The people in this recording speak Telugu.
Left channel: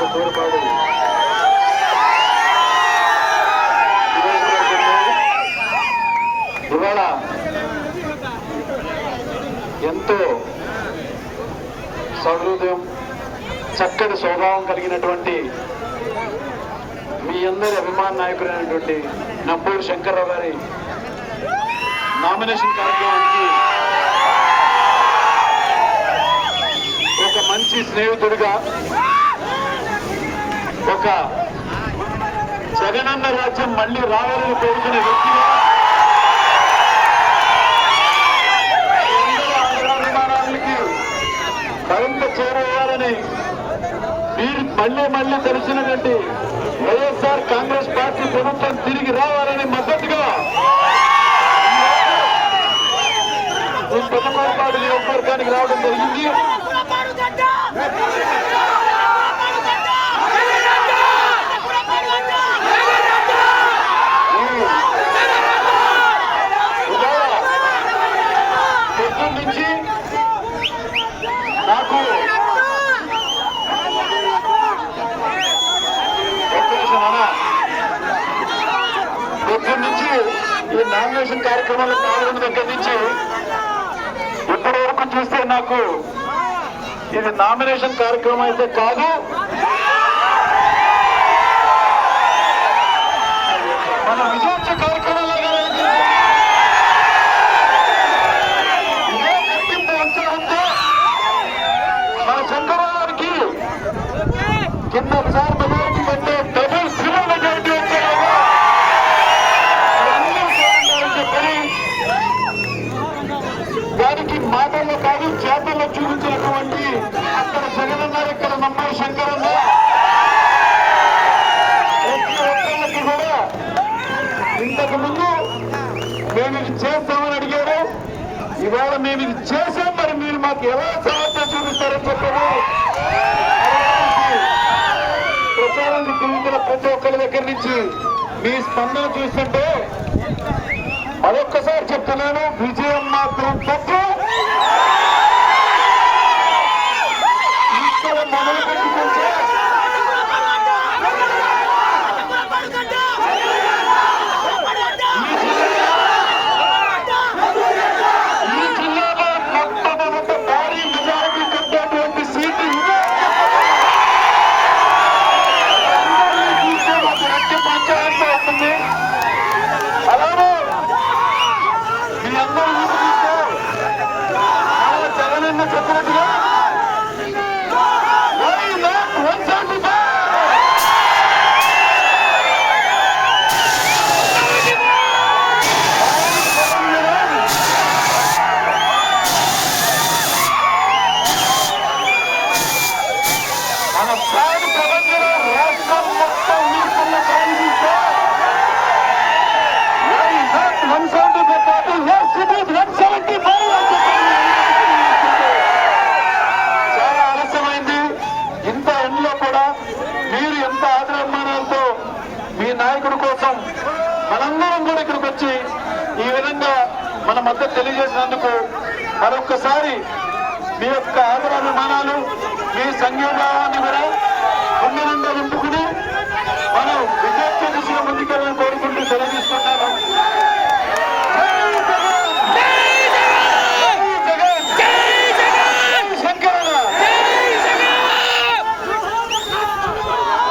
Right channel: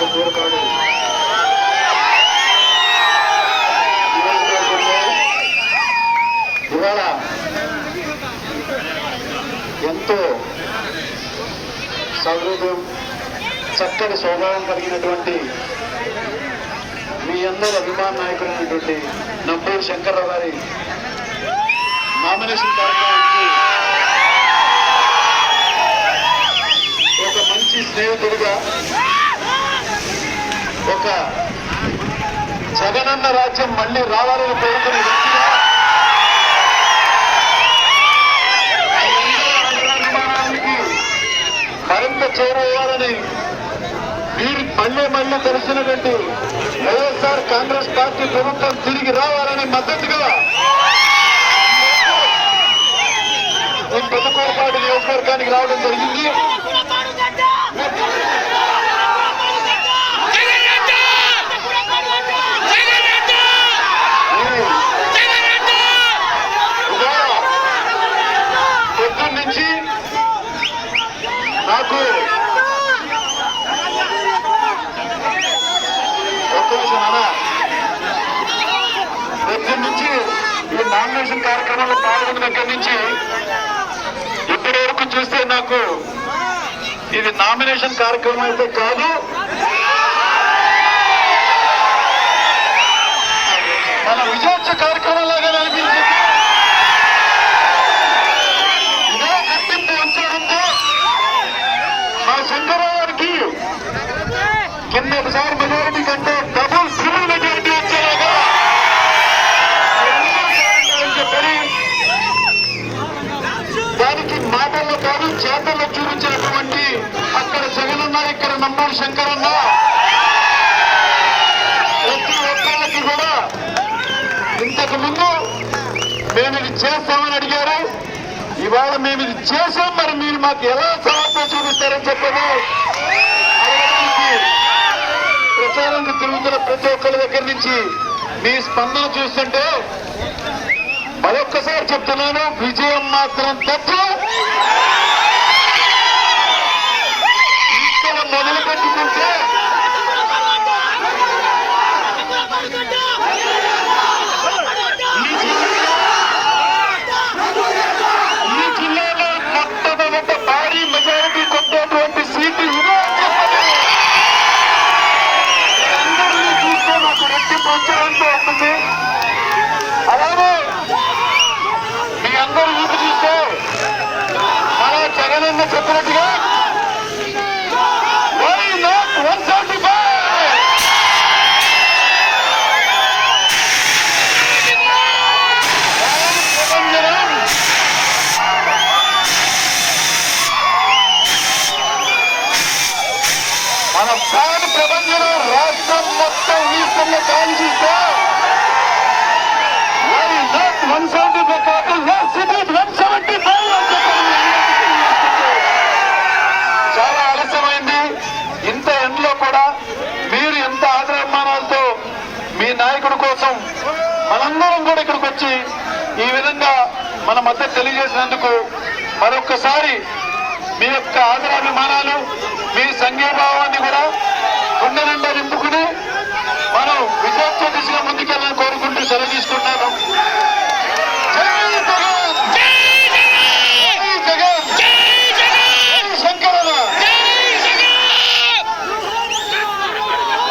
పేరుపాడు ఇవాళ ఎంతో సౌహృదయం చక్కటి స్వభావం కలిగినటువంటి మీ అందరూ అభిమాన నాయకుడైనటువంటి నంబూరు శంకర్రావు గారి నామినేషన్ కార్యక్రమానికి ఒక మంచి స్నేహితుడిగా, ఒక జగనన్న రాజ్యం మళ్ళీ రావాలని కోరుకునే వ్యక్తిగా, అభిమానానికి మరింత చేరవేయాలని మీరు మళ్ళీ తెలిసినటువంటి వైఎస్ఆర్ కాంగ్రెస్ పార్టీ ప్రభుత్వం తిరిగి రావాలని మద్దతుగా ఈ పెద్దపాడు నియోజకవర్గానికి రావడం జరిగింది. పొద్దున్న నుంచి నాకు పొద్దున్న నుంచి ఈ నామినేషన్ కార్యక్రమంలో పాల్గొన్న దగ్గర నుంచి ఇప్పటి వరకు చూస్తే నాకు ఇది నామినేషన్ కార్యక్రమం అయితే కాదు, మన విజయోత్సవ కార్యక్రమం లాగా అనిపించింది. ఇదే గుర్తింపు ఉంచారంటే మా శంకరరావు గారికి కింద ఒకసారి మెజారిటీ కంటే డబుల్ త్రిబుల్ మెజారిటీ వచ్చేలాగా చెప్పని దానికి మాటల్లో కాదు చేతుల్లో చూపించినటువంటి అక్కడ జగనన్న, ఇక్కడ నంబూరు శంకరన్న ప్రతి ఒక్కళ్ళకి కూడా ఇంతకు ముందు మేము ఇది చేస్తామని అడిగారు. ఇవాళ మేము ఇది చేసాం, మరి మీరు మాకు ఎలా సమర్థన చూపిస్తారని చెప్పని ప్రచారానికి తిరుగుతున్న ప్రతి ఒక్కరి దగ్గర నుంచి మీ స్పందన చూస్తుంటే మరొక్కసారి చెప్తున్నాను, విజయం మాత్రం తప్ప ఇక్కడ మొదలు పెట్టుకుంటే ఈ జిల్లాలో మొట్టమొదట భారీ మెజారిటీ కొట్టేటువంటి సీటు అందరినీ చూస్తే మాకు రెట్టి ప్రోత్సాహంతో వస్తుంది. అలానే మీ అందరూ ఊపి చూస్తే అలా జగనన్న చెప్పినట్టుగా వై నాట్ 175 మన ప్రాణ ప్రపంచంలో రాష్ట్రం మొత్తం వీసుల్లో గాలి చూస్తే 175 కాదు, చాలా ఆలస్యమైంది. ఇంత ఎండలో కూడా మీరు ఎంత ఆదరాభిమానాలతో మీ నాయకుడి కోసం మనందరం కూడా ఇక్కడికి వచ్చి ఈ విధంగా మన మద్దతు తెలియజేసినందుకు మరొక్కసారి మీ యొక్క ఆదరాభిమానాలు, మీ సంఘీభావాన్ని కూడా గుండె నిండా నింపుకుని మనం విజయోత్సవ దిశగా ముందుకెళ్ళాలని కోరుకుంటూ సెలవు తీసుకుంటాం.